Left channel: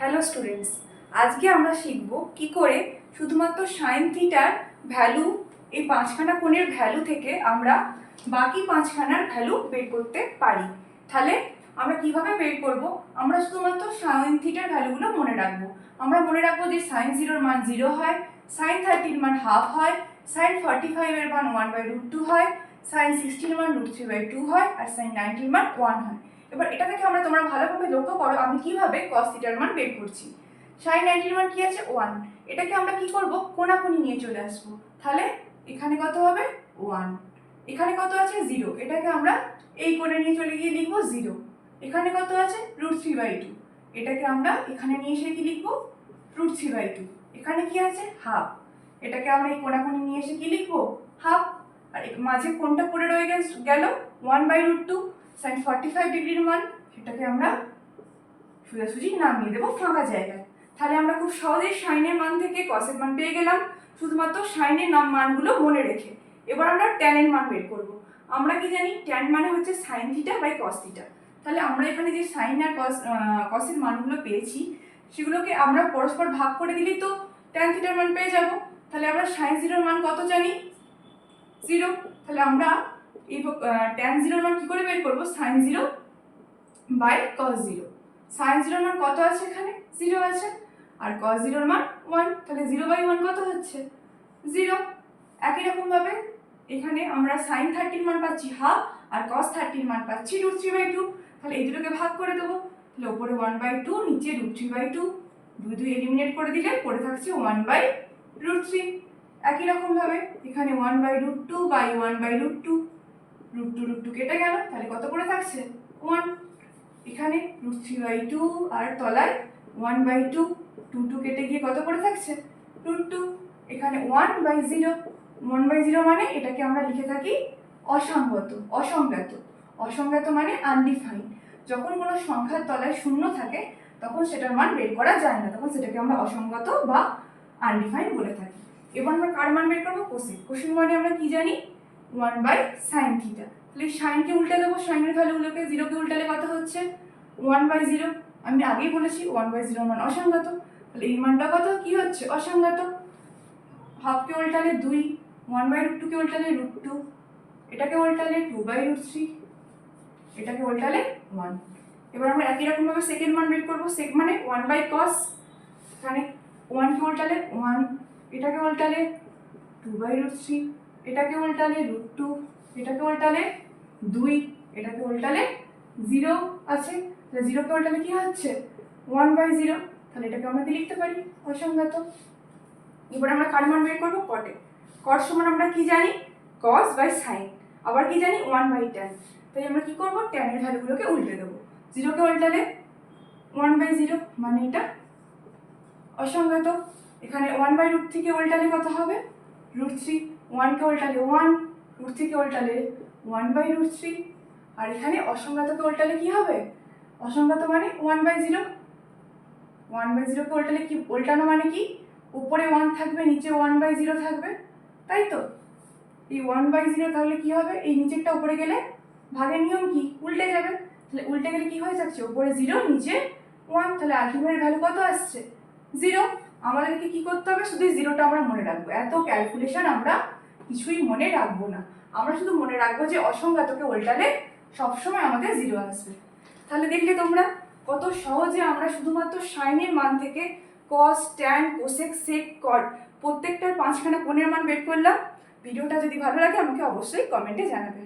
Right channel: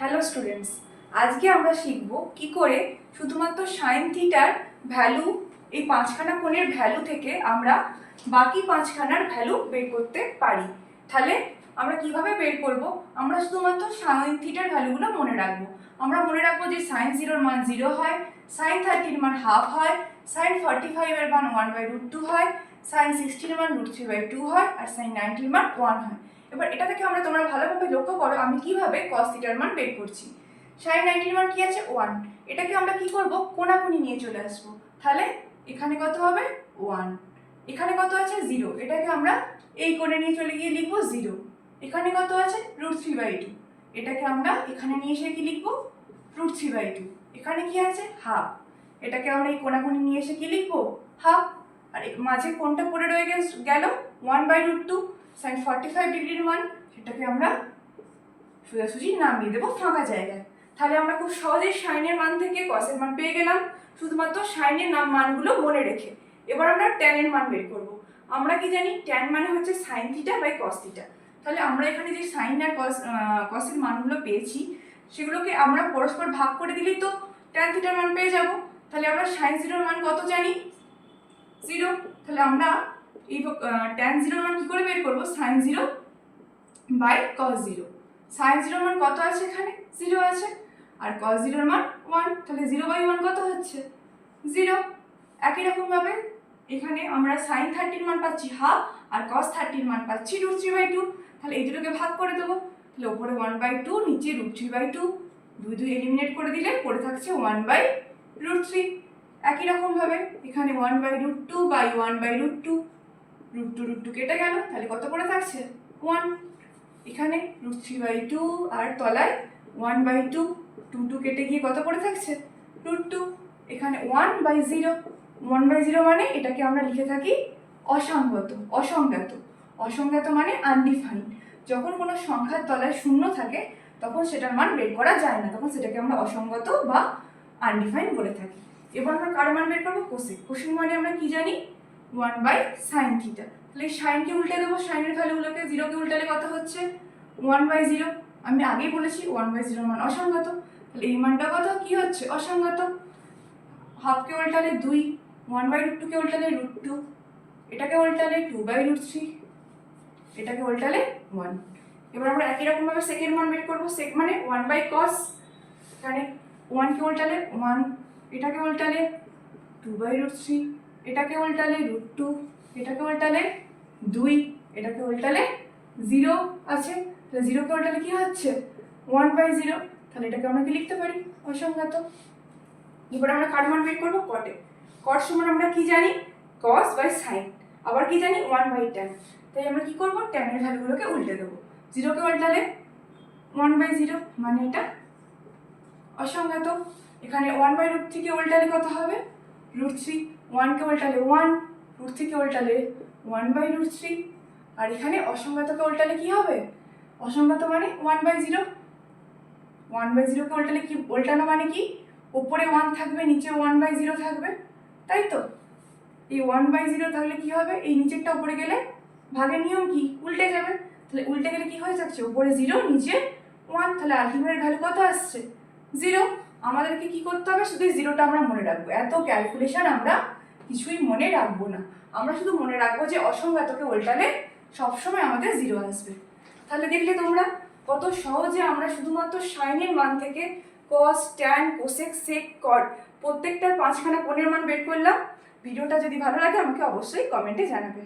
Hello students, আজকে আমরা শিখব কি করে শুধুমাত্র সাইন থিটার ভ্যালু, এই পাঁচখানা কোণের ভ্যালু থেকে আমরা বাকি পাঁচখানার ভ্যালু বের করতে পারি। তাহলে আমরা কিভাবে বের করব? আমরা শুধুমাত্র সাইন থিটার ভ্যালুগুলো মনে রাখবো। আমরা মনে রাখবো যে সাইন 0-র মান 0 হয়, সাইন 30-র মান হাফ হয়, সাইন 45-এর মান 1/√2 হয়, সাইন 60-র মান √3/2 হয়, আর সাইন 90-র মান 1 হয়। এবার এটা থেকে তোমরা ভালোভাবে লক্ষ্য করো আমি কিভাবে cos থিটার মান বের করছি। sin 90 মান কি আছে 1, এটাকে আমরা কি করব কোণাকুণি নিয়ে চলে আসব। তাহলে এখানে কত হবে 1, এখানে কত আছে 0, এটাকে আমরা এই কোণে নিয়ে চলে গিয়ে লিখব 0। এখানে কত আছে √3/2, এটাকে আমরা এখানে নিয়ে এসে কি লিখব √3/2। এখানে কি আছে হাফ, এটাকে আমরা এই কোণাকুণি নিয়ে এসে কি লিখব হাফ। আর মাঝে কোণটা পড়ে রয়ে গেল 1/√2, sin 45 ডিগ্রির মান, সেটাকে আমরা সোজাসুজি নামিয়ে দেবো ফাঁকা জায়গায়। তাহলে আমরা খুব সহজেই সাইনের মান থেকে কসের মান পেয়ে গেলাম, শুধুমাত্র সাইনের মানগুলো মনে রেখে। এবার আমরা ট্যানের মান বের করব। আমরা কি জানি ট্যান মানে হচ্ছে sine theta by cos theta. তাহলে আমরা এখানে যে সাইন আর কসের মানগুলো পেয়েছি সেগুলোকে আমরা পরস্পর ভাগ করে দিলেই তো ট্যান থিটার মান পেয়ে যাব। তাহলে আমরা সাইন 0-র মান কত জানি 0। তাহলে আমরা এই ট্যান 0-র মান কি করে বের করব? Sine 0 by cos 0। সাইন 0-র মান কত আছে? এখানে 0 আছে, আর cos 0-র মান 1। তাহলে 0/1 কত হচ্ছে 0। একই রকম ভাবে এখানে আমরা sin 30-র মান পাচ্ছি হাফ, আর cos 30-র মান পাচ্ছি √3/2। তাহলে এই দুটোকে ভাগ করে দেবো। তাহলে উপরে 1/2, নিচে √3/2, 2 এলিমিনেট করে দিলে পড়ে থাকছে 1/√3। একই রকম ভাবে এখানে 1/√2 বাই 1/√2, √2 কেটে গেল, তাহলে কত পড়ে থাকছে 1। এখানে √3/2 আর তলায় 1/2, 2 কেটে গিয়ে কত পড়ে থাকছে √2। এখানে 1/0, 1/0 মানে এটাকে আমরা লিখে থাকি অসঙ্গত। অসংজ্ঞাত মানে আনডিফাইন্ড। যখন কোনো সংখ্যার তলায় শূন্য থাকে তখন সেটার মান বের করা যায় না, তখন সেটাকে আমরা অসঙ্গত বা আনডিফাইন্ড বলে থাকি। এবার আমরা কার মান বের করবো? কোসেক। কোসেক মানে আমরা কি জানি 1/sin থিটা। তাহলে সাইনকে উল্টে দেবো, সাইনের ভ্যালুগুলোকে, 0-কে উল্টালে কত হচ্ছে 1/0। আমি আগেই বলেছি 1/0 মান অসঙ্গত, তাহলে এই মানটা কত কি হচ্ছে অসঙ্গত। হাফকে উল্টালে 2, 1/√2-কে উল্টালে √2, এটাকে উল্টালে 2/√3, এটাকে উল্টালে 1। এবার আমরা একই রকম ভাবে সেকেন্ড মান বের করব। সেক মানে 1/cos, এখানে 1-কে উল্টালে 1, এটাকে উল্টালে 2/√3, এটাকে উল্টালে √2, এটাকে উল্টালে 2, এটাকে উল্টালে 0 আছে। তাহলে 0-কে উল্টালে কি হচ্ছে 1/0। তাহলে এটাকে আমরা কি লিখতে পারি অসঙ্গত। এবার আমরা কার মান বের করবো? কটে। কট সমান আমরা কি জানি cos বাই সাইন, আবার কি জানি 1/tan। তাই আমরা কি করব ট্যানের ভ্যালুগুলোকে উল্টে দেবো। 0-কে উল্টালে 1/0 মানে এটা অসঙ্গত। এখানে 1/√3-কে উল্টালে কত হবে √3, 1-কে উল্টালে 1, √3-কে উল্টালে 1/√3, আর এখানে অসঙ্গতকে উল্টালে কি হবে অসঙ্গত মানে 1/0। 1/0-কে উল্টালে কি উল্টানো মানে কি উপরে 1 থাকবে নিচে 1/0 থাকবে, তাই তো। এই 1/0 তাহলে কি হবে এই নিচেরটা উপরে গেলে ভাগের নিয়ম কি উল্টে যাবে। তাহলে উল্টে গেলে কি হয়ে যাচ্ছে উপরে 0 নিচে 1, তাহলে আলটিমেট ভ্যালু কত আসছে 0। আমাদেরকে কি করতে হবে শুধু 0টা আমরা মনে রাখবো, এত ক্যালকুলেশন আমরা কিছুই মনে রাখবো না। আমরা শুধু মনে রাখবো যে অসঙ্গতকে উল্টালে সবসময় আমাদের 0 আসবে। তাহলে দেখলে তোমরা কত সহজে আমরা শুধুমাত্র সাইনের মান থেকে cos, tan, cosec, sec, cot প্রত্যেকটার পাঁচখানা কোণের মান বের করলাম। ভিডিওটা যদি ভালো লাগে আমাকে অবশ্যই কমেন্টে জানাবে।